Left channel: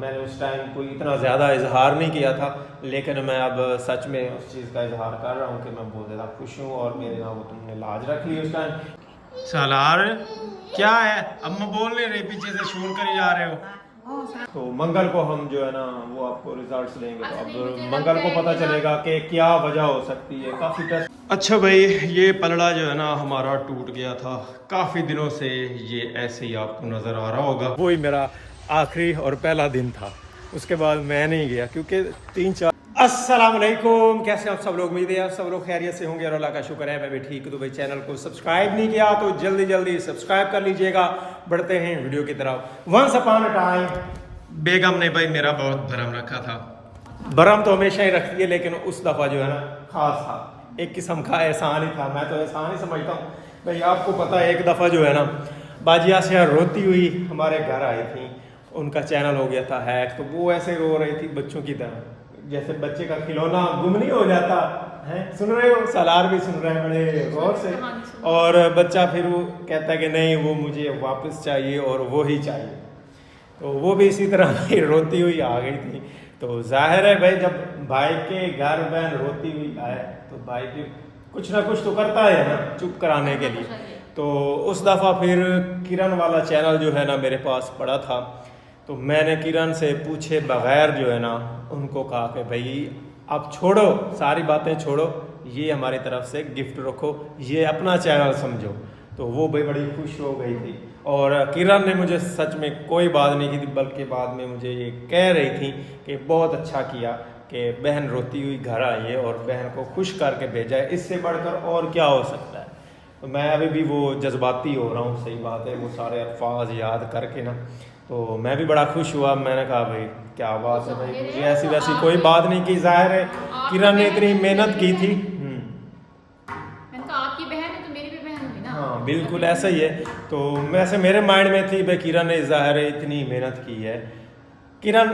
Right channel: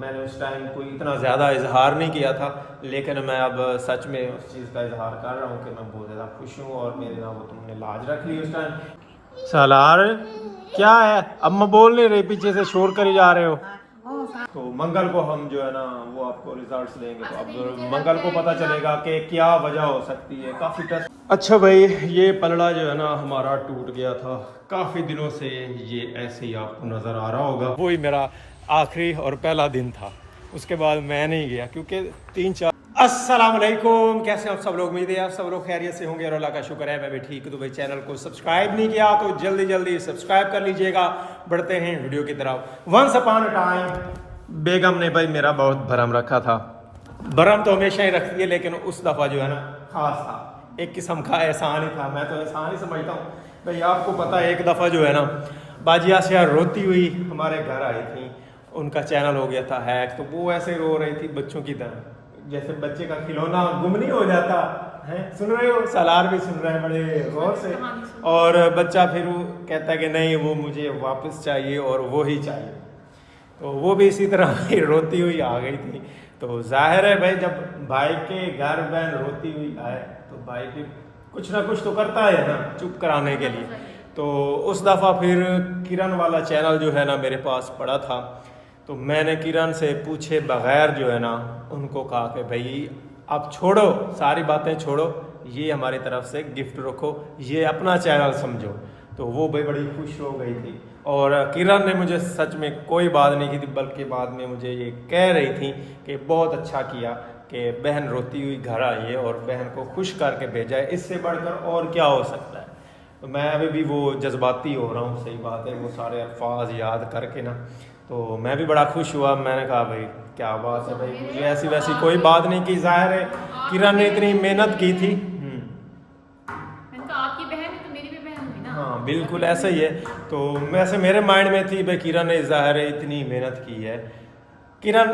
मैंने उस टाइम कोई इतना ज़्यादा इजहार नहीं किया था, लेकिन मैं अब सच में उस चीज़ का इजहार कर रहा हूँ कि मैं बहुत ज़्यादा खुश हूँ और मेरे ना वो तुमने लाज रख ली उस टाइम। सालार क्या है, अब मैं बोल नहीं रही, पीछे से शोर कर ही जा रहे हो। तो मंगल को हम जो है ना वो आपको रिजल्ट्स देंगे, तो अब मंगल को पता चलेगा कि क्या वजह हो सकती है। काफ़ी टेस्ट। अच्छा भाई, ये पलड़ा जो है ना हमारा टूट गया था काफ़ी दिनों से, ये ऐसे ही आपको नज़र आ रहा होगा। वही मेरा आखिरी और पहला दिन था, उसके बाद मैं नहीं गया क्योंकि 3-4। अस्सलाम वालेकुम, कैसे आप सब लोग? उम्मीद है आप सब लोग खैरियत से होंगे और अल्लाह का शुक्र है मैं भी ठीक हूँ। तो भाई चैनल को सब्सक्राइब नहीं किया तो जल्दी जल्दी सब्सक्राइब कर लीजिएगा। बढ़ते हैं वीडियो की तरफ। वंस अपॉन अ टाइम बेगम ने भाई मेरा बहुत भरम रखा था। भरम तो हमेशा ही रखती है, लेकिन उस दफ़ा जो है ना खास था, एक किस्म का एहसान ही था। मैं तो एहसान ही समझता हूँ भाई। आपको पता है एक दफ़ा जो है ना बाजी आसिया रोती हुई हमारे घर आई थी, उनका चैनल हो गया था हैक। तो वो ऐसे रो रही थी बच्चों की तरह, जैसे बच्चे का खिलौना गुम नहीं हो जाता है। सुन रहे हो? सालार भी सुन रहे हैं बड़े गौर से। और बच्चा फिर वो कहता है कि नहीं वो मुझे वापस चाहिए और वो ही चाहिए। तो वो भी इसी तरह भाई रोती हुई आ गई थी। तो जाहिर है भाई जब भाई के घर बहन रोती हुई आए तो भाई भी कुछ ना कुछ तो करता है ना चुप कराने के लिए। तो उस दफ़ा फिर किरण वाला चैनल जो है ना मेरे पास पड़ा था, तो मैंने किरण से पूछे बगैर जो है ना उनको कहा कि भाई आप छोड़ो, सारी बातें छोड़ो, ये हमारी तरफ से गिफ्ट रखो, ये अपना चैनल समझो। तो वो भाई बड़ी खुश हो गई थी। और किरण ने मुझे सच में कोई बात नहीं की थी, बल्कि बाद में मुझे ये कह रही थी कि बहुत अच्छा किया कि बहन रोती हुई घर आई है और बहन को खुश करके भेजा है, इससे बढ़कर और क्या हो सकता है। तो मैं अभी भी वो जज्बाती हो रहा हूँ, सही बात है, वो सारे अल्फाज याद करके ना। तो मैं भी बड़ा खुश हुआ। मैंने कहा भाई क्या बात है भाई, मुझे ऐसी वैसी कोई बात नहीं की। जाहिर है किरण ने इतनी मेहनत की थी। आपकी बहन है तो मेरी भी बहन हुई ना। हाँ बिल्कुल ऐसा ही है। तो वैसे मेरे माइंड में थी भाई किरण ने ज़ाहिर है इतनी मेहनत की है। किरण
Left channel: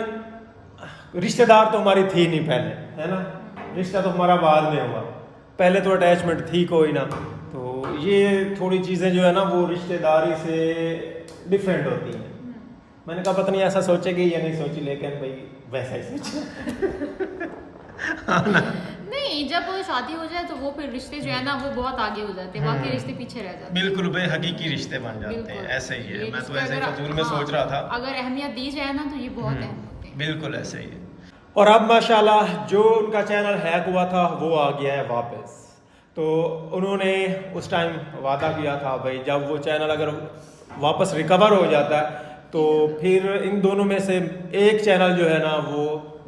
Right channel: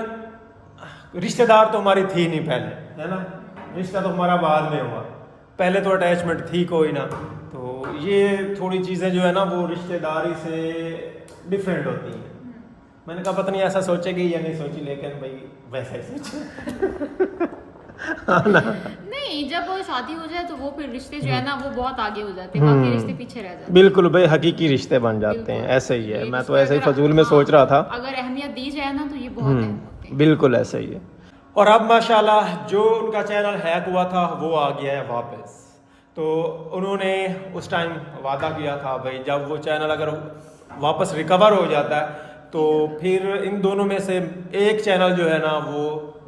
रिश्तेदार तो हमारी थी नहीं पहले, है ना, रिश्ता तो हमारा बाद में हुआ, पहले तो अटैचमेंट थी कोई ना। तो ये थोड़ी चीज़ें जो है ना वो रिश्तेदारी से डिफरेंट होती हैं। मैंने कहा पता नहीं ऐसा सोचेगी या नहीं सोची, लेकिन भाई वैसा ही सोचा। हाँ ना? नहीं, जब शादी हो जाए तो वो फिर रिश्ते जो है ना वो बहुत आगे हो जाते हैं, बाकी रिश्ते पीछे रह जाते हैं। बिल्कुल भाई, हकीकी रिश्ते बन जाते हैं, ऐसे ही है। मैं तो ऐसे ही फजूल में सोच रहा था। अगर अहमियत दी जाए ना तो ये बहुत अहम होते हैं। बिल्कुल ऐसे ही है। और अब माशाल्लाह जो उनका चैनल हैक हुआ था वो आ गया है वापस। तो उन्होंने उस टाइम वादा किया था भाई जब वो चैनल अगर वापस रिकवर हो जाता है तो फिर इन दोनों में से एक चैनल जो है ना वो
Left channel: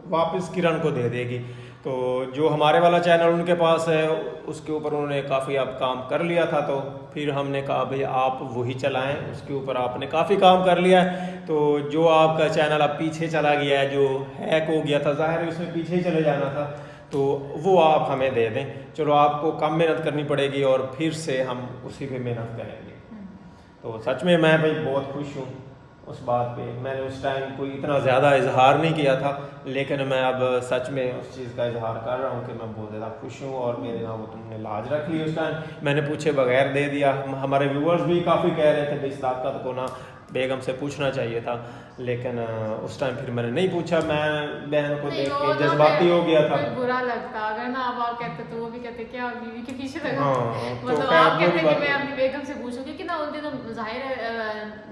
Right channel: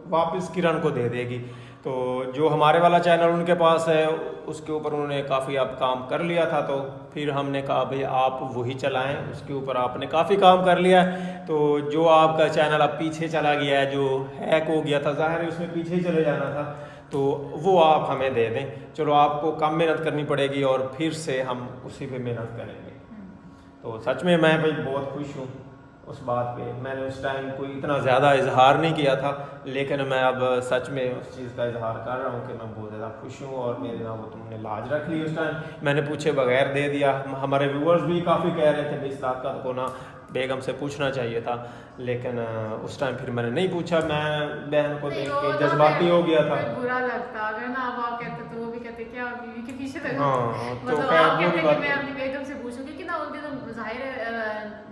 वापस किरण को दे देगी। तो जो हमारे वाला चैनल उनके पास है उसके ऊपर उन्होंने काफ़ी अब काम कर लिया था, तो फिर हमने कहा भाई आप वही चलाएं, उसके ऊपर आपने काफ़ी काम कर लिया है। तो जो आपका चैनल अब पीछे चला गया है, जो हैक हो गया था, ज़ाहिर है उसमें पीछे ही चले जाना था, तो वो आप हमें दे दें। चलो आपको कम मेहनत करनी पड़ेगी और फिर से हम उसी पे मेहनत करेंगे। तो सच में मैं भाई बहुत खुश हूँ उस बात पे। मैंने उस टाइम कोई इतना ज़्यादा इजहार नहीं किया था, लेकिन मैं अब सच में उस चीज़ का इजहार कर रहा हूँ कि मैं बहुत ज़्यादा खुश हूँ और मेरे ना वो तुमने लाज रख ली उस टाइम। मैंने पूछे बगैर दे दिया। हमारे व्यूअर्स भी काफ़ी कह रहे थे भाई इस ताकत को ना बेगम से पूछना चाहिए था, लेकिन उस टाइम फिर मैंने नहीं पूछा। मैं बहन को देख के जज्बाती हो गया था। बुरा लगता अगर ना अब आप कहते तो वो भी कहते क्या बीवी के पीछे लगा। हाँ तो मतलब खैर आप वो भी कहते बात कि मैं अपनी बेगम से पूछूं, क्योंकि ना उन दिनों जाहिर है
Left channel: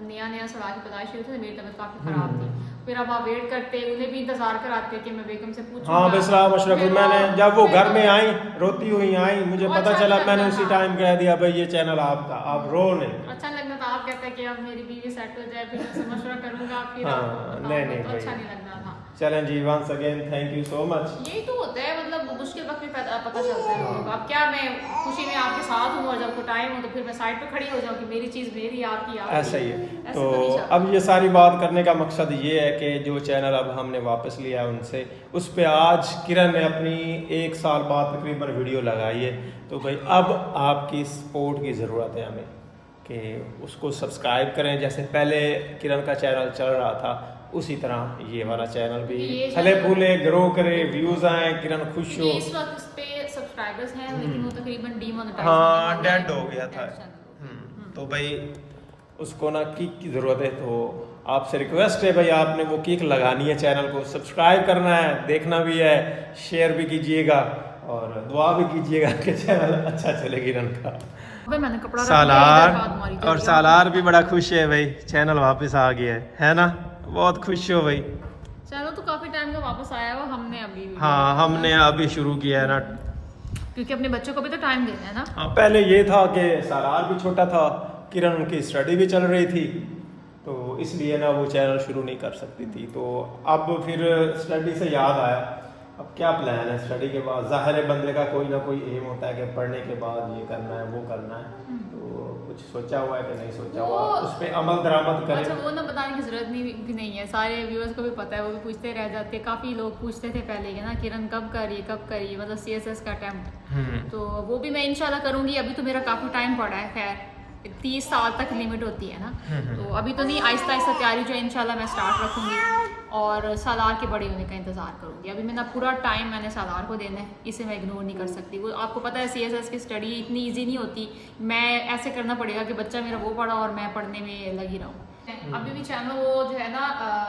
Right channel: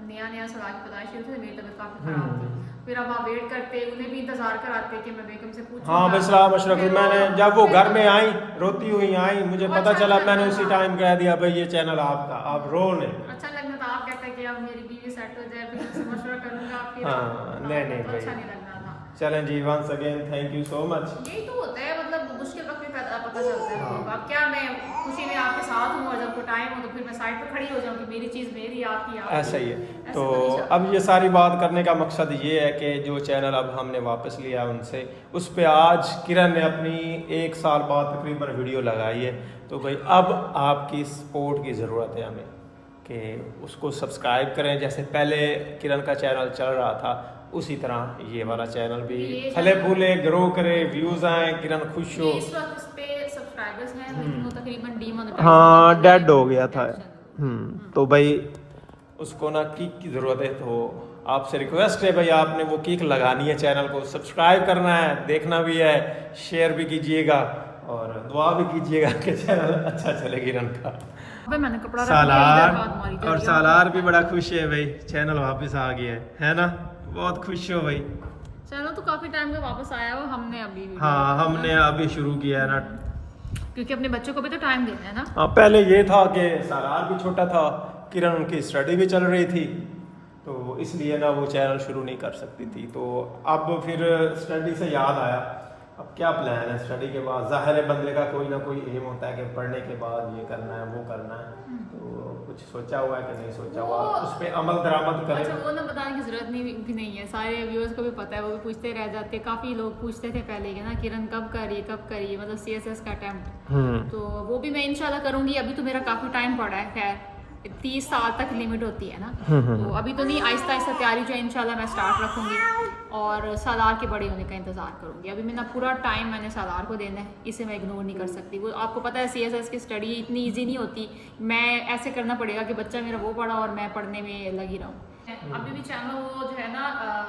नया नया सलाह की पैदाइश हुई थी, मेरी तबीयत काफी खराब थी। फिर अब आप वेट करते, उन्हें भी इंतजार कराते कि मैं बेगम से पूछूं। हाँ भाई सलाम अशरफ। मैंने जब वो घर में आई रोती हुई आई, मुझे पता चला, मैंने उसी टाइम कह दिया भाई ये चैनल आपका, आप रो नहीं। अच्छा लगना था, आप कहते कि अब मेरी बीवी सेट हो जाए फिर उससे मशवरा करूंगा फिर। हाँ नहीं तो भाई, अच्छा नहीं लगना था। चलें जी, once again thank you so much. यही तो होता है, मतलब मुश्किल वक्त में पता चलता है लोगों को। अब क्या मैं खुशी में आपके साथ हूँ और जब कोई टाइम हो तो फिर मैं साइड पे खड़ी हो जाऊँ कि मेरी चीज़ मेरी, आपकी आपकी। ऐसा ही है। तो अब ये सारी बात करने का मकसद ये है कि जो चैनल अब हमने वापस लिया है उनसे, उस पर आज किरण ने अपनी 1 साल बाद तकरीबन वीडियो लगाई है। तो भाई अब आपकी सपोर्ट की ज़रूरत है हमें कि उसको सब्सक्राइब करें। जैसे पहले किरण का चैनल चल रहा था उसी तरह ये वाला चैनल भी फले फूले ग्रो करे, व्यूज आए, किरण खुश हो। इस वक्त इस पे सब्सक्राइबर्स हैं लेकिन वो तकरीबन डीमोनेटाइज हाँ डेड हो गया था। तो भाई उसको ना की ज़रूरत है। तो आपसे रिक्वेस्ट है भाई, आपने वो किक लगानी है, चैनल को सब्सक्राइब करना है, देखना भी है, शेयर भी कीजिएगा और दुआ भी कीजिएगा कि चैनल अच्छा चले किरण का। भाई मैंने कपड़ा रख दिया, सालार इधर बात मारी जा और रही है। सालार भी बड़ा खुश है भाई, चैनल वापस आ गया है ना? बहुत खुश हो भाई। चैनल तो काफी टाइम का वापस आया हुआ, हमने अभी हाँ, हमने अभी शुरू किया है ना, क्योंकि अपने बच्चों को भी तो टाइम देना है ना। हाँ पहले ये था कि सालार भी छोटा था, किरण की स्टडी भी चल रही थी, तो इसलिए ना वो चैनल शुरू नहीं कर सकती थी। तो अब फिर स्टडी से याद आया, अब क्या प्लान है स्टडी के बाद? जाहिर है बंदे का कोई ना कोई एम होता है कि पढ़ने के बाद ये करना है वो करना है, तो कुछ सोचा हुआ है कि नहीं सोचा हुआ, उस पर अमल दरामद करें। अच्छा, वो ना बताने की जरूरत भी नहीं है, सारे व्यूअर्स को भी पता है, वो भी पूछते रह जाते, काफी लोग पूछते थे पहले कि ना किरण कब कर रही है मतलब CSS का अटेम्प्ट, तो वो भी मैं इंशाल्लाह करूंगी। अभी तो मेरा काफी टाइम पड़ा है, खैर 30 साल तक लिमिट होती है ना, तो अभी तो नहीं, आहिस्ता आहिस्ता तैयारी जो है इंशाल्लाह मैं स्टार्ट रखूंगी और सालार के बड़े होने का इंतजार करूंगी। अभी मेरा पूरा टाइम मैंने सालार को देना है, इसे मैं इग्नोर नहीं कर सकती। वो आपको पता है CSS की स्टडी इतनी ईजी नहीं होती, मैं ऐसे करना पड़ेगा कि बच्चा मेरा वो पढ़ा और मैं पढ़ने में लगी रहूँ। अभी भी चैनल वो जो है ना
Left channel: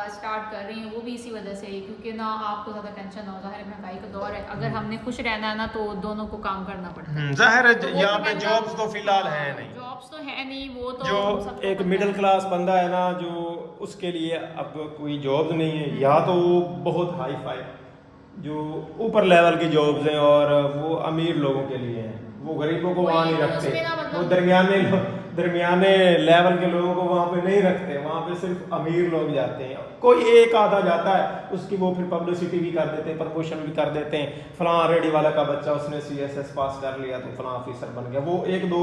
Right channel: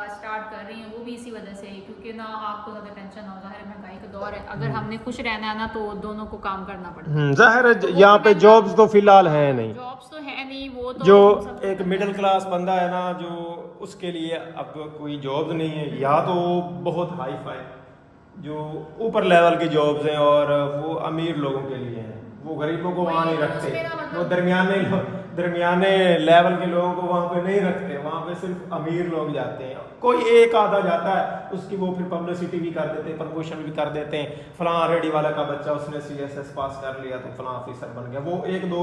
स्टार्ट कर रही है, वो भी इसी वजह से, क्योंकि ना आपको ज्यादा टेंशन ना हो, जाहिर है महंगाई का दौर है, अगर हमने खुश रहना है ना तो दोनों को काम करना पड़ता है। जाहिर तो है वो यहाँ तो पे मैं जॉब्स तो फिलहाल है नहीं, जॉब्स तो है नहीं, वो तो जो सबको एक पता मिडिल है। क्लास बंदा है ना, जो उसके लिए अब कोई जॉब नहीं है, या तो वो बहुत हाई फाई जो ऊपर लेवल की जॉब्स हैं और वो अमीर लोगों के लिए हैं, वो गरीबों को वहाँ नहीं तो रखते, उसमें ना मतलब- वो दरमियाने लेवल के लोगों को वहाँ पे नहीं रखते, वहाँ पे सिर्फ अमीर लोग जाते हैं। कोई एक आधा जाता है, उसकी वो फिर पब्लिसिटी भी कर देते हैं, प्रमोशन भी कर देते हैं, फलां रेडी वाला का बच्चा उसने CSS पास कर लिया तो फलां ऑफिसर बन गया, वो एक दो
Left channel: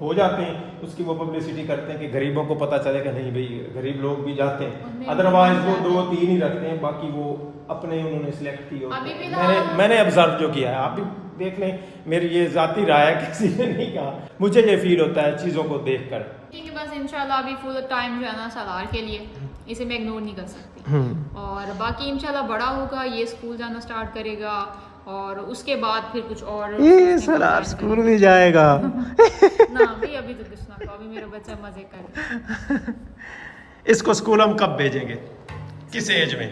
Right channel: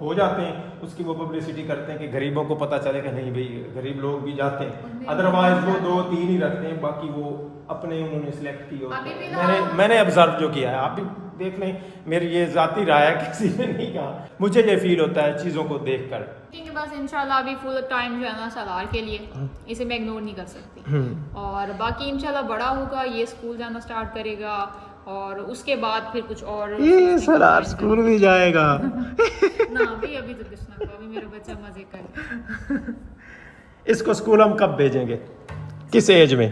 हो जाते हैं, उसकी वो पब्लिसिटी करते हैं कि गरीबों को पता चले कि नहीं भाई गरीब लोग भी जाते हैं, अदरवाइज वो 2-3 ही रखते हैं, बाकी वो अपने उन्होंने सिलेक्ट किए होते हैं। मैंने ऑब्जर्व जो किया है, आप भी देख लें, मेरी ये जाती राय है, किसी ने नहीं कहा, मुझे ये फील होता है चीज़ों को देख कर। ठीक है, बस इंशाल्लाह अभी फुल टाइम जो है ना सालार के लिए, इसे मैं इग्नोर नहीं कर सकती, और बाकी इंशाल्लाह बड़ा होगा, ये स्कूल जाना स्टार्ट करेगा और उसके बाद फिर कुछ और ये सालार स्कूल भी जाएगा ना अभी तो कुछ ना, अभी मेरा बच्चा मजे करे। इसको स्कूल हम कब भेजेंगे, किस एज में?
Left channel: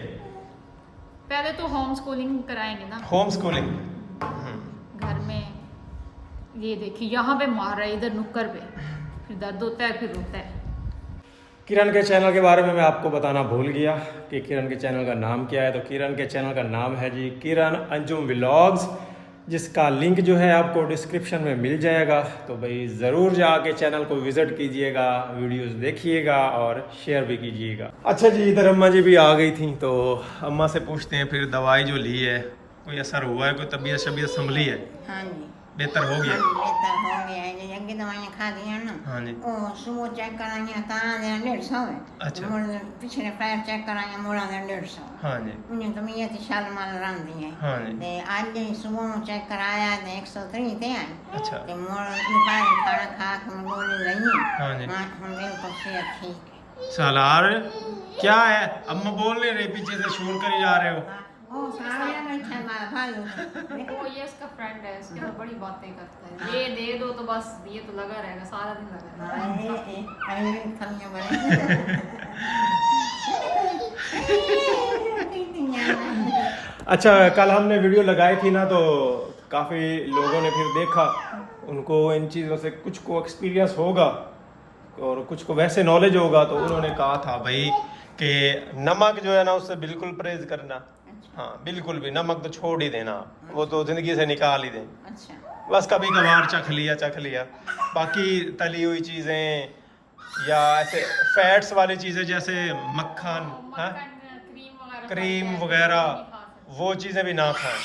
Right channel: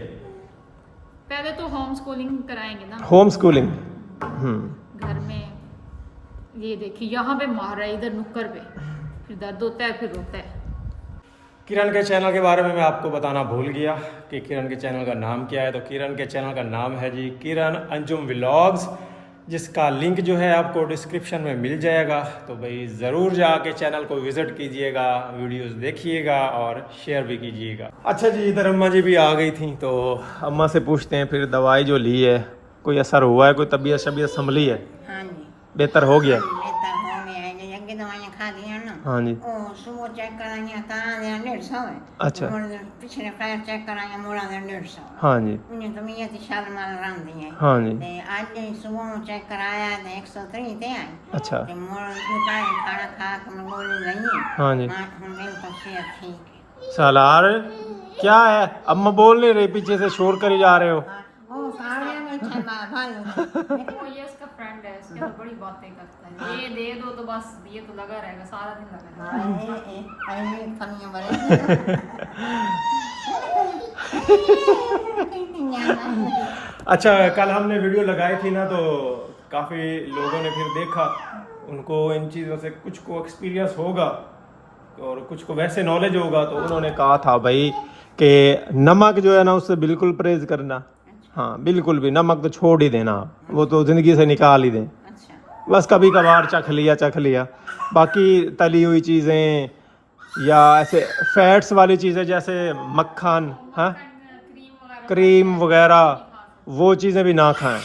पहले तो होम स्कूलिंग कराएंगे ना, होम स्कूलिंग। घर में। ये देखिए यहाँ पे मार रहा है, इधर नुक्कर पे, फिर दर्द होता है फिर रोता है। किरण के चैनल के बारे में मैं आपको बताना भूल गया कि किरण के चैनल का नाम क्या है। तो किरण के चैनल का नाम है जी किरण अंजुम व्लॉग्स, जिसका लिंक जो है आपको डिस्क्रिप्शन में मिल जाएगा। तो भाई ज़रूर जाके चैनल को विज़िट कीजिएगा, वीडियोस देखिएगा और शेयर भी कीजिएगा। अच्छा जी, इधर अम्मा जी भी आ गई थी, तो अम्मा से पूछते हैं फिर दवाई जो ली है कोई असर हुआ है, कोई तबीयत संभली है? हाँ जी, बेहतर हो गया? बेहतर हो गया है। जो अगे दवाइयाँ खा दी हैं ना, हाँ जी। वो सुबह चेक कराइया तां दे 150 है। अच्छा। पिछले पैर चेक कराइया मोड़ा दे 150। हाँ जी। उन्हें तो मैं ये शाल माल रंग दी है। हाँ जी। ते आज जो सुबह में चेक कराया तो 103 थे आई। अच्छा। ते मोड़ दोपहर खाना खा के मैं गोली लई। हाँ जी। मां हम बिल्कुल सेहत ठीक है। सालार क्या है, अम्मा बोल नहीं रही, पीछे से शोर करी जा रहे हो। ओ सारे में छना भाई। वो ये इसका फ्रेंड है, इसके साथ बड़ी बातें करता है, ये दे दो तो बस ये तो लगा रहेगा, सारा दिन लगा रहेगा। आई खानियां बड़े। अच्छा, कल हमने वीडियो लगाई थी ना, तो काफ़ी लोगों ने फिर देखा, उनको इन चीज़ों से कुछ को एक्सपीरियंस होगा और कुछ को वैसे नॉलेज होगा, तो उन्होंने कहा था भाई कि नमक जो है ना उससे बिल्कुल परहेज करना। हाँ बिल्कुल भी, नमक तो छोड़ ही देना, वो तो ज़िंदगी से निकाल ही दें। अच्छा। बस कभी कभार चख लिया, बाकी तली हुई चीज़ें या ऐसे फैट्स वाली चीज़ें जैसे मक्खन, हाँ क्रीम वगैरह, वो चीज़ें भी ना खाएं।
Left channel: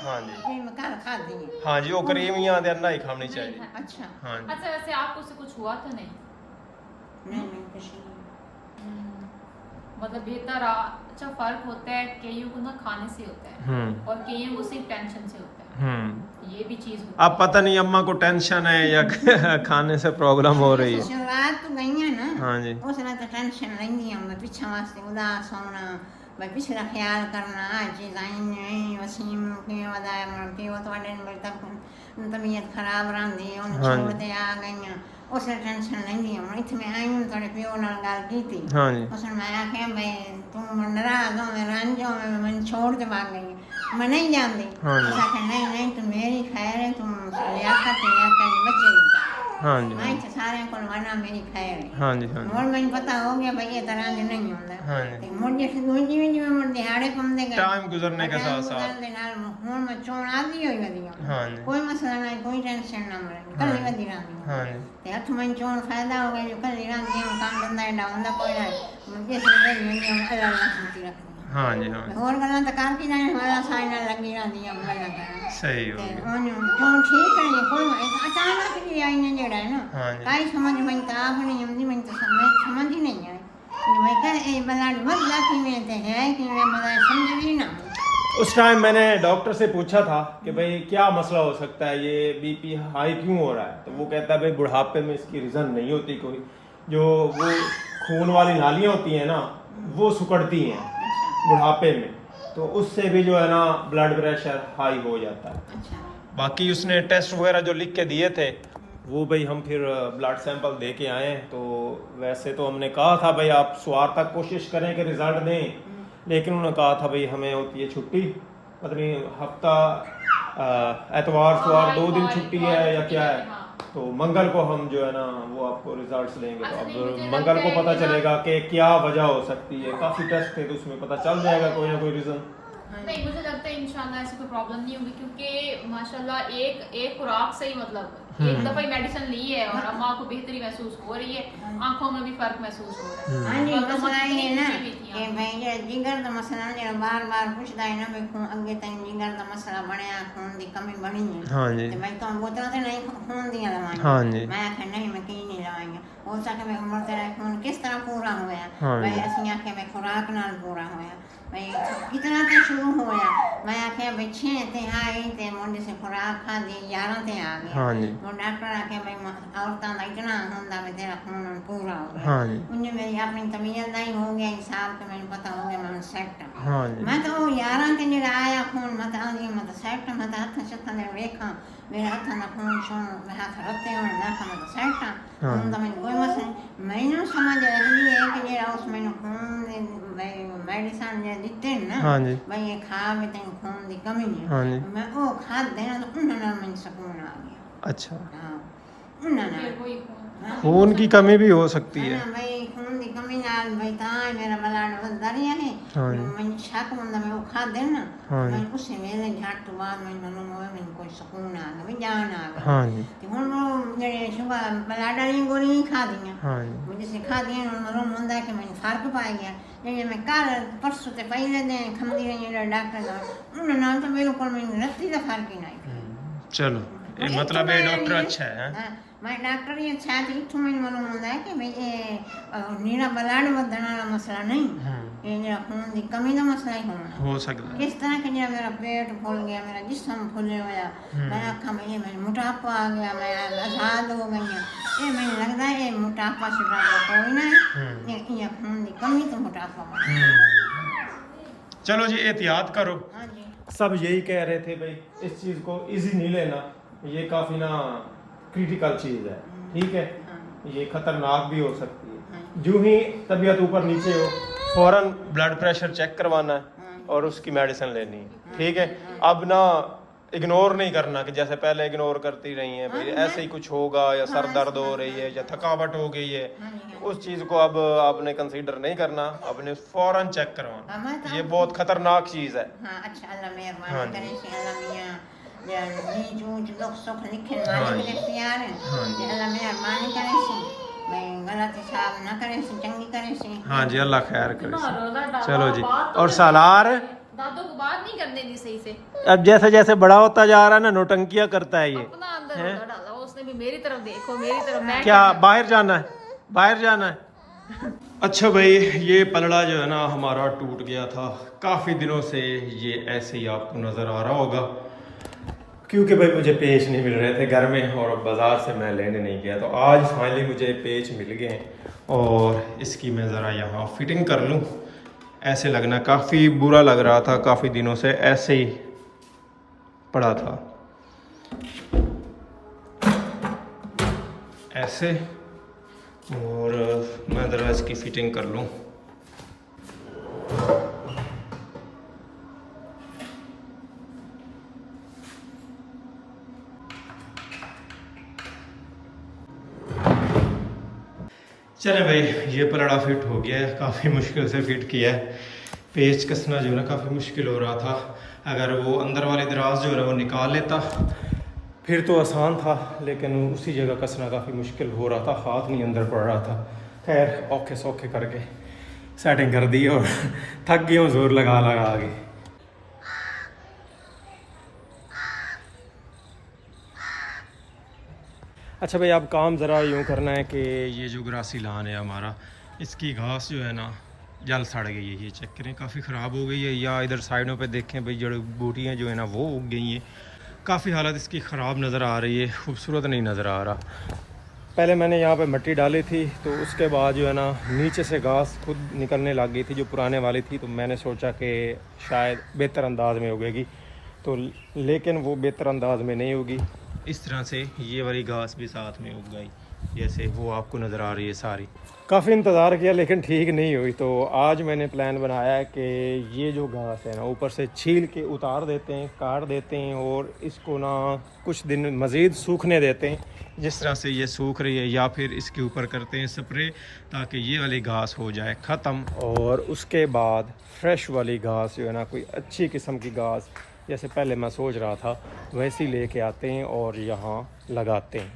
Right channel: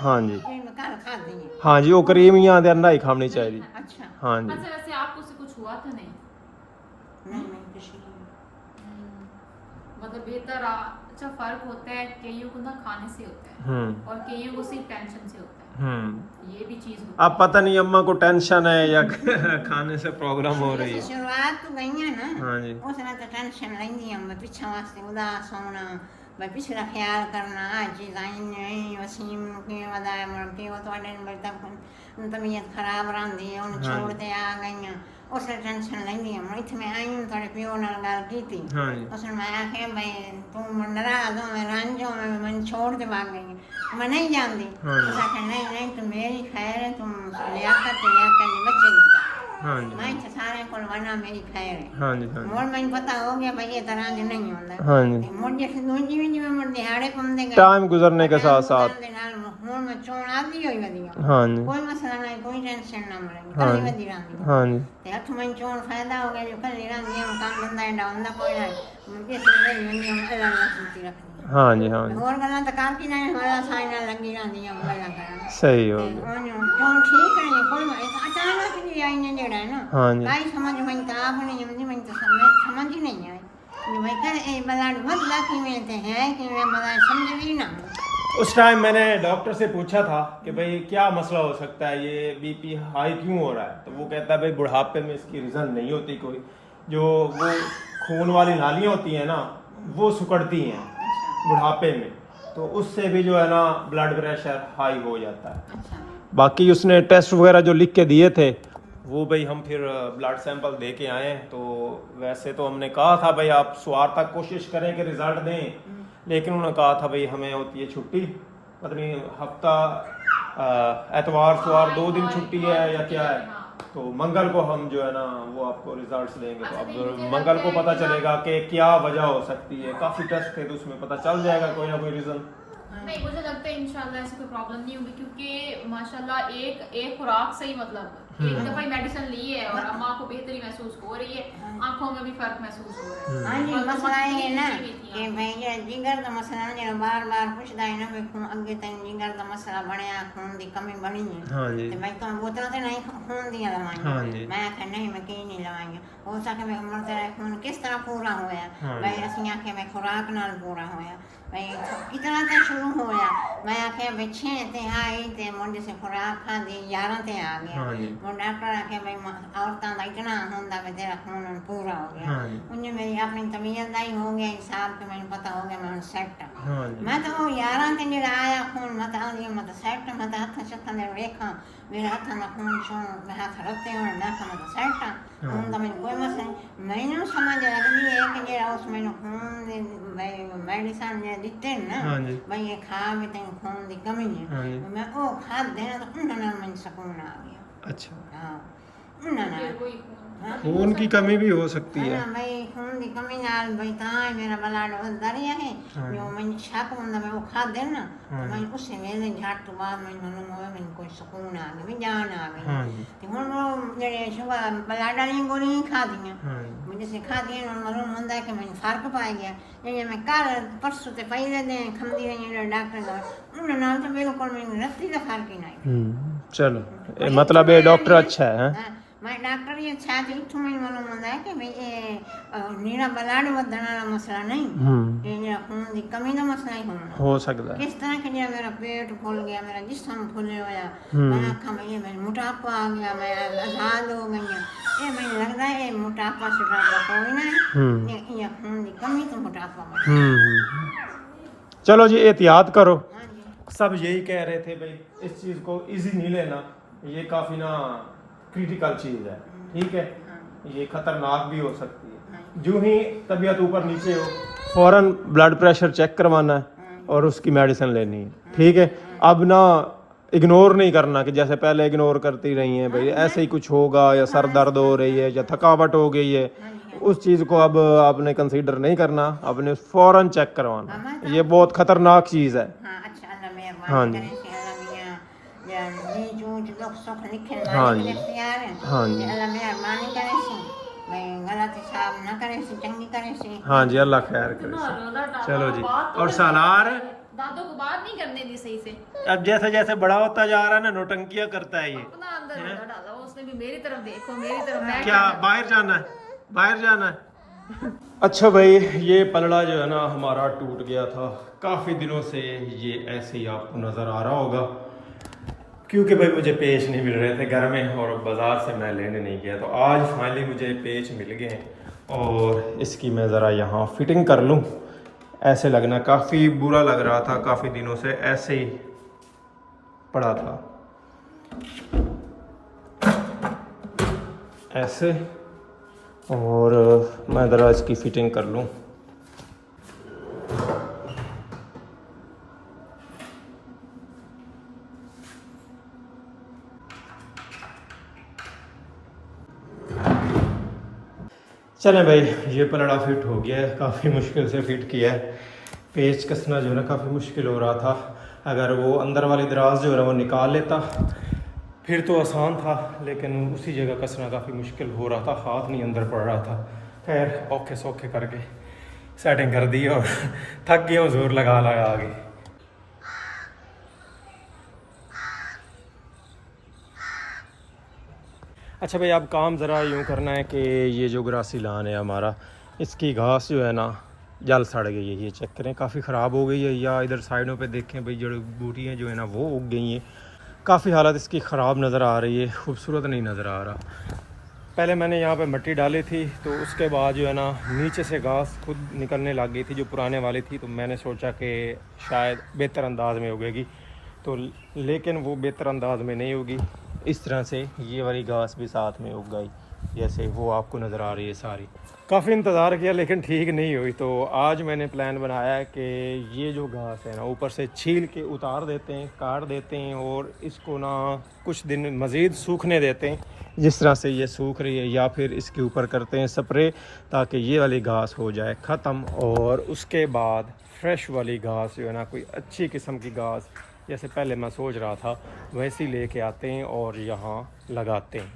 हाँ जी। खा दी है। हाँ जी, वो क्रीम यहाँ दे अंदर ही खानी चाहिए। अच्छा। हाँ जी। अच्छा, वैसे आपको उससे कुछ हुआ तो नहीं? नहीं किसी मतलब बेहतर अच्छा फर्क होता है, कईयों को ना खाने से होता है और कईयों को सिर्फ टेंशन से होता है, ये भी चीज होती अब पता नहीं अम्मा को टेंशन है या खाने से प्रॉब्लम हो रही है। शुरुआत तो गई है ना। हाँ जी। उसने तो टेंशन लेंदी हम पीछे वास्ते उदास होना, भाई पिछला ख्याल करना आज चीज़ आई नहीं वसीम के वदाए मुड़ती वो तो बड़े तक तबीयत खराब रही उन छोड़ते आ गई उसने टेंशन लेंदी मैं इतने आई हूँ थोड़े प्यो नाल गल की थी उसने मैं आखे भाई तू नाराज हो मैं रंजो मैं मन छोड़ के भाग गई मैं नहीं जानती उस आखे नहीं तू मेरी खैर है तुम लियाकत बच्चे की हाँ जी मैं सारे को वरना मेरी खैर है हाँ जी हाँ मोर मैंने पता हो गया भाई ये तरह से नहीं होता हाँ जी ते मोर जैसे दूजी भी में मोर दिहाड़े कम दे गए टाइम गुजरने के साथ साथ हूँ मैं चोण आदि हुई वधिया हाँ जी कोई मसला नहीं कोई टेंशन ना मरे कल वधी रही हाँ जी ते हथ में चोण फायदा हो गया जो कल रही काम धंधा एडा होंदा कोई नहीं मुझे से वेंदी अल्लाह अल्लाह सुनती रखनी हाँ जी हाँ जी और गल्ला तो कर की जाने वाला साइन लगी रही गल्ला कर सही हो गया क्यों ठीक है कोई अचानक ही आई ने जेड़ा है ना हाँ जी काई समझ में तो आप नहीं हमदी में तो समझ ही नहीं आई भाई कर ए बलाड बदला की में ते है कि मैं मतलब समझ ही ना उस टाइम मैंने डॉक्टर से पूछा था कि भाई क्या मसला हो सकता है ये बीपी हाई क्यों हो रहा है तो वो कहता है भाई बुढ़ापे में इसकी रीज़न नहीं होती कोई जो वो खून वाली नालियाँ होती हैं ना वो सिकुड़ती हैं बुढ़ापे में तो उससे भी जो है ना ब्लड प्रेशर हाई हो जाता है अच्छा बाकी उसने टेस्ट वगैरह जो लिख के दिए थे वो भाई हम फिर ब्लड सैंपल दे के आए तो वैसे तो हमने कहा था भाई आप सोमवार तक कोशिश करें कि रिजल्ट दें लेकिन उन्होंने कहा था भाई हमें होती है छुट्टी पता नहीं हफ्ता एतवार सोमवार 2 दिन छुट्टी है या क्या है तो मंगल को हम जो है ना वो आपको रिजल्ट्स देंगे तो अब मंगल को पता चलेगा कि क्या वजह हो सकती है काफ़ी टेस्ट थे तो उसमें पता चल जाएगा कोई ना कोई रीज़न नहीं मुझे लगता है इंशाल्लाह ऐसी कोई प्रॉब्लम नहीं होगी क्योंकि माशाल्लाह एक खुराक से ही मतलब एक दफा ही मेडिसिन ली है और अम्मा को बेहतरी महसूस हो रही है आंखों में भी फर्क महसूस हो रहा है हाँ जी मसला ये ना कि भाई ये जिगर का मसला जो बार बार पूछता है ना भाई खून अगे तक जिगर का मसला बनया खून की कमी बनी है हाँ जी तो भाई तो बोतल से नहीं खून दिया हाँ लवाएंगे जी मैं आखे नहीं मैं कहीं नहीं लवाएंगे हो सके मैं उम्र तेरा खून किस तरह पूरा होया भाई असि आखे मैं खुराक नाल पूरा होया भाई कितना ते शुरू होया मैं आखे भाई 6 ते आई ते मुंडे से खुराक खा दी 11 ते आ गया हाँ जी वो डॉक्टर आखे भाई औरतां दा इतना होंदा भाई तेरा खून पूरा हो गया हाँ जी उन्हें मेरी अपनी तबीयत दा ही हो गया हिसाब के मैंने पता हो गया मैं सेट हाँ जी मैं तो 11 ते जेड़ा आया खून मत आंदी मत सेट मत हाथ शथन दे रेखा मेरे हाथ ना खून छो मैं हाथ रखते हो ना का मत सेट खून दा मैंने कोई मसला मैंने समझ लगी है कि जेड़ा उस मैंने खून दे मेडिसिन जे दिते ना हाँ जी भाई ये खा में तेन खून दी कमी है हाँ जी मैं ओ खा देना तो उन्हें ना मैंने सुकून आ गया अच्छा हाँ उन्हें ना फिर कोई खून की कमी भी हो सकती है भाई खून की कमी नाल भाई ताई मेरा ब्लड वधदा रहा है जो मैं शक हुंदा मैं वो खा देना मैं उस वेले झट तो बाद मैं मालूम होवे मैं कोई सुकून आ गया मैं जान आ गई हाँ जी ते हुन वो जेड़े शुगर ब्लड वाली गोली खा दियां हाँ जी मुझे से खा दियां हुन मालूम हुंदा कि मैं फर्क पा गया जे मैं कल परसों ते पहले दिन खमदी रही डॉक्टर दा उन नाल तो बिल्कुल मैं रत्ती दा फर्क ही नहीं चलो मतलब ये डॉक्टर अच्छा है मैं डॉक्टर ये अच्छा थी इथों मैंने मालूम होता है कि भाई ये नीरा ब्लड वधण वाला मसला नहीं ये जेड़ा खून की कमी का मसला ही होना हो सकता है किस तरह के जेड़ा मेरा पेट फूल गया मेरा जिस्म फूले होया मैं आखा मैं ये मेरा मोटापा आ गया मैं आजाद हो गई ये मैंने लगता है ये मोटापा शुटापा कोई ना है ये खून की कमी तो मोटापा बना चलो जी एहतियात करो हाँ जी सब यही कह रहे थे भाई इस चीज़ को इजी नहीं लेना ये काफ़ी ना क्रिटिकल चीज़ है ठीक है ये खतरनाक भी हो सकती है जो ही तबीयत ऊपर नीचे हो फौरन ब्लड प्रेशर चेक करवाना है और उसकी मेडिसिन लेनी है ठीक है अब ना इग्नोर नहीं करना कि जैसे पहले इग्नोर करती रही हैं भाई ऐसे ही कुछ होगा या सर दर्द हो रही है या थकावट हो गई है उस चीज़ को अब आपने कंसीडर नहीं करना आपने फौरन चेक करवाना ये बहुत खतरनाक चीज़ है हाँ अच्छा अल्लाह मेहरबानी करे से अल्लाह मियां जी जूझ लोग सुख लिखे मालिक ने प्यार है अल्लाह मेहरबानी करे से मैं गलत हिसाब ना करे से चंगी करे से हाँ जी अल्लाह खैर करे से चलो जी और सालार दादों को बात नहीं करने दी सही से अब जैसे जैसे बड़ा होता जा रहा है ना नोटंकियां करता है ये अपना अंदर रोला डाला उसने भी मेरी तरफ देखो मेरी तरफ मैं क्या बाहर जाना है अच्छा भाई ये पलड़ा जो है ना हमारा टूट गया था काफ़ी दिनों से ये ऐसे ही आपको नज़र आ रहा होगा क्योंकि भाई मुझे पेच नहीं मिल रहे थे घर में और बाज़ार से मैं लेने नहीं गया तो आज फाइनली मुझे पेच मिल गए और इसकी मैं ज़रा यहाँ फिटिंग कर लूँ ऐसे लगना, काफ़ी बुरा लग रहा था, काफ़ी दिनों से ऐसे ही पड़ा था ऐसे। और मैं ज़रा इसकी फिटिंग कर लूँ। चलें भाई, ये पलड़ा फिट हो गया है, काफ़ी मुश्किल से फिट किया है। पेच कसना जो है ना काफ़ी मुश्किल हो रहा था। अगर वो अंदर वाली दराज जो है ना वो निकाल लेता फिर तो आसान था, लेकिन उसी जगह कसना काफ़ी मुश्किल हो रहा था, हाथ नहीं अंदर पड़ रहा था। खैर औखे सौखे करके सेटिंग कर दी और थक गया हूँ जोर लगा लगा के। अच्छा भाई, अब काम ज़रा यूँ करना है कि ये जो ग्रासी लान है हमारा, इसकी घास जो है ना जल सड़ गई है। ये चेक करें, काफ़ी ख़राब हो गई है। या इधर साइडों पे देखें भाई, जड़ी बूटियाँ जो है ना वो उग गई हैं। काफ़ी हालत इसकी ख़राब नज़र आ रही है, खूबसूरत नहीं नज़र आ रहा। पहले मैंने यहाँ पे मिट्टी डाली थी, तो उसके बाद जो है ना नीचे से घास खुद निकलने लग गई थी जो पुराने वाली थी। तो मैंने सोचा कि शायद बेहतर अंदाज में उगेगी, तो लेकिन वो बेहतर अंदाज में नहीं होगी। इस तरह से ये वाली घास भी साथ में उग गई, जैसे वो आपको नज़र आ रही है सारी। काफ़ी इंतज़ार किया लेकिन ठीक नहीं हुई। तो आज मैंने प्लान बनाया है कि ये जो घास है ना ऊपर से छील के उतार देते हैं, काट देते हैं और इसको ना कुछ दिन मज़ीद सूखने देते हैं, जिस तरह से ये सूख रही है। या फिर इसके ऊपर करते हैं स्प्रे, ताकि ये वाली घास हो जाए ख़त्म। और उसके बाद फ्रेश वाली घास जो है ना, कोई अच्छी किस्म की घास जैसे पहले मैं सोच रहा था वैसी लेके आते हैं और यहाँ लगाते हैं।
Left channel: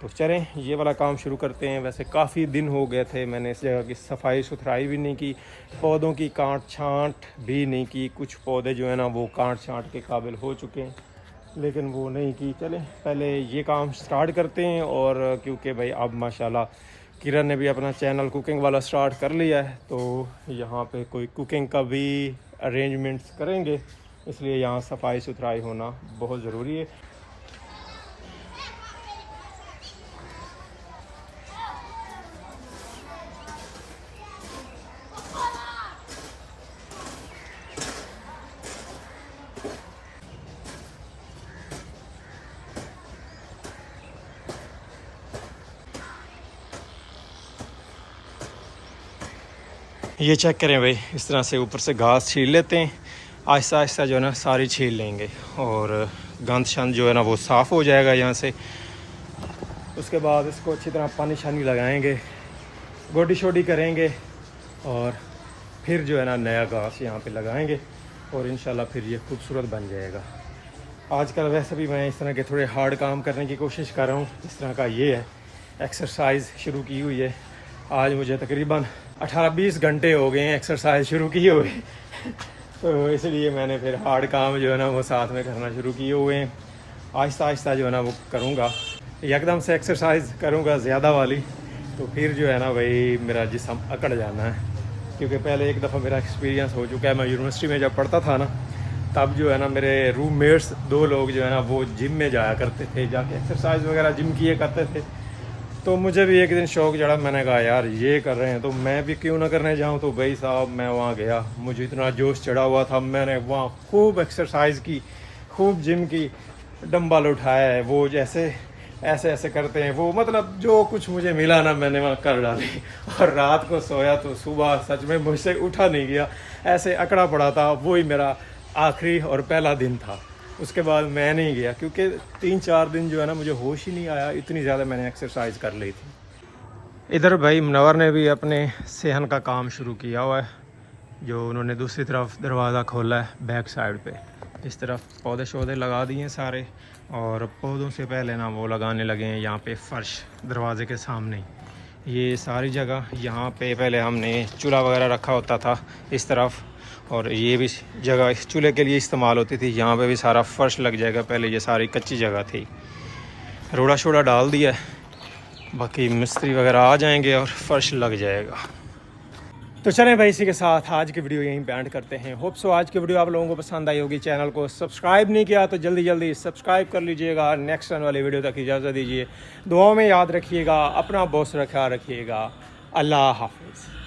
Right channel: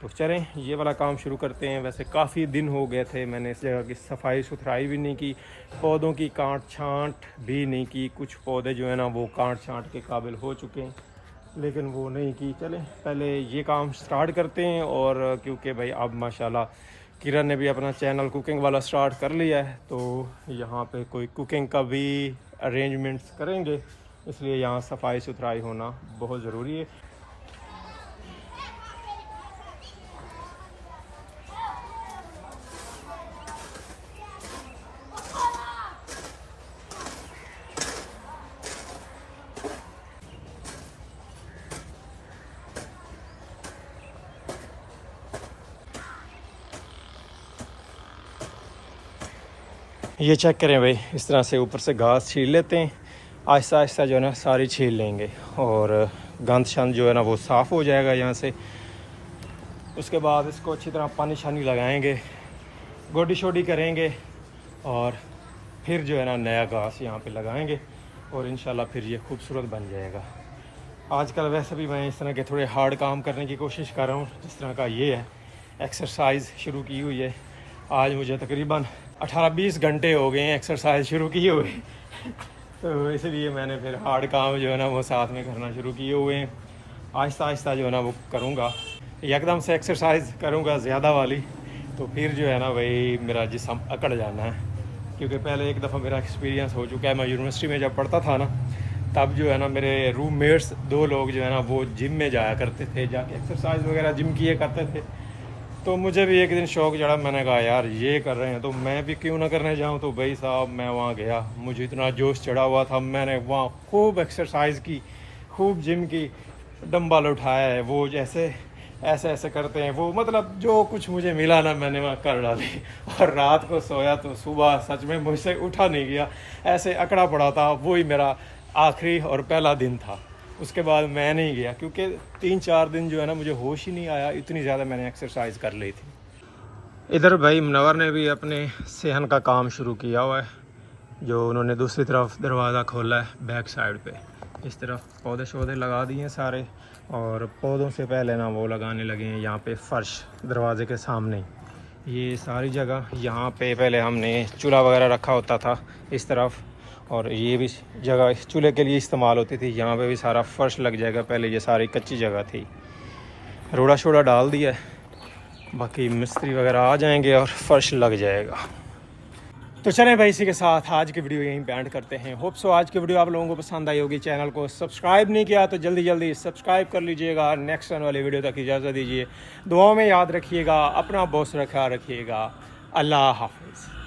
तो चलें ये वाला काम शुरू करते हैं। वैसे काफ़ी दिन हो गए थे, मैंने इस जगह की सफाई सुथराई भी नहीं की, पौधों की काट छांट भी नहीं की। कुछ पौधे जो है ना वो काट छांट के काबिल हो चुके हैं, लेकिन वो नहीं की। चलें पहले ये काम स्टार्ट करते हैं। और क्योंकि भाई अब माशाल्लाह किरण ने भी अपना चैनल कुकिंग वाला स्टार्ट कर लिया है, तो यहाँ पे कोई कुकिंग का भी अरेंजमेंट्स करेंगे, इसलिए यहाँ सफाई सुथराई होना बहुत ज़रूरी है। ये चेक करें भाई, इस तरह से ऊपर से घास छील लेते हैं, आहिस्ता आहिस्ता जो है ना सारी छील लेंगे और गंद शंद जो है ना वो साफ़ हो जाएगा यहाँ से। उसके बाद इसको अच्छी तरह पानी शानी लगाएंगे, गोडी शोडी करेंगे और फिर जो है ना नया घास यहाँ पे लगाएंगे और इंशाल्लाह फिर ये खूबसूरत बन जाएगा। आजकल वैसे भी मैं इस तरह के थोड़े हार्ड काम करने की कोशिश कर रहा हूँ, जिस तरह का ये है। एक्सरसाइज शुरू की हुई है, आज मुझे तकरीबन 18-20 घंटे हो गए हैं एक्सरसाइज शुरू किए हुए तो इसलिए मैंने फिर हार्ड काम जो है ना वो साथ में करना शुरू किए हुए हैं। आहिस्ता आहिस्ता जो है ना वो करूँगा, एकदम से एक्सरसाइज करूँगा ज़्यादा वाली, तो फिर जो है ना भाई मेरा जिस्म अकड़ जाना है। क्योंकि पहले एक दफ़ा मेरा एक्सपीरियंस हो चुका है, मैं यूनिवर्सिटी में जब पढ़ता था ना, तब जो है ना मेरे रूममेट्स 2 लोग जो है ना वो जिम में जाया करते थे, जाके एक्सरसाइज वगैरह जिम किए करते थे। तो मुझे भी एक दिन शौक़ चढ़ा, मैंने कहा यार ये कर रहे हैं तो मैं भी क्यों ना करने जाऊं। तो भाई साहब मैं वहाँ गया, मुझे इतना जोश चढ़ा हुआ था, मैंने वहाँ खूब एक्सरसाइज की, खूब जिम की, डंबल उठाया है, वो जैसे ऐसे ऐसे करते हैं वो, मतलब जो कुछ मुझे मिला ना मैंने वहाँ कर डाली। और रात को सोया तो सुबह सच में मुझसे उठा नहीं गया, ऐसे अकड़ा पड़ा था। वही मेरा आखिरी और पहला दिन था, उसके बाद मैं नहीं गया क्योंकि 3-4 दिन जो है ना मुझे होश ही नहीं आया, इतनी ज़्यादा मैंने एक्सरसाइज कर ली थी। इधर भाई मुनव्वर ने भी अपने सेहन का काम शुरू किया हुआ है, जो उन्होंने दूसरी तरफ दरवाज़ा खोला है बैक साइड पे। इस तरफ पौधे शौधे लगा दिए हैं सारे, और पौधों से पहले ना वो लगाने लगे हैं यहाँ पे फ़र्श दरवाज़े के सामने। ये सारी जगह यहाँ पे पहले हमने चूल्हा वगैरह रखा होता था इस तरफ, और ये भी जगह चूल्हे के लिए इस्तेमाल होती थी। यहाँ पे भी सारा फर्श लग जाएगा, पहले ये सारी कच्ची जगह थी। रोड़ा शोड़ा डाल दिया, बाकी मिस्त्री वगैरह आ जाएंगे और फर्श लग जाएगा। तो चलें भाई, इसी के साथ आज की वीडियो यहीं पे एंड करते हैं। होप सो आज की वीडियो आप लोगों को पसंद आई होगी। चैनल को सब्सक्राइब नहीं किया तो जल्दी जल्दी सब्सक्राइब कर लीजिएगा। नेक्स्ट आने वाली वीडियो तक इजाज़त दीजिए, दुआओं में याद रखिएगा, अपना बहुत ख्याल रखिएगा। अल्लाह हाफिज़।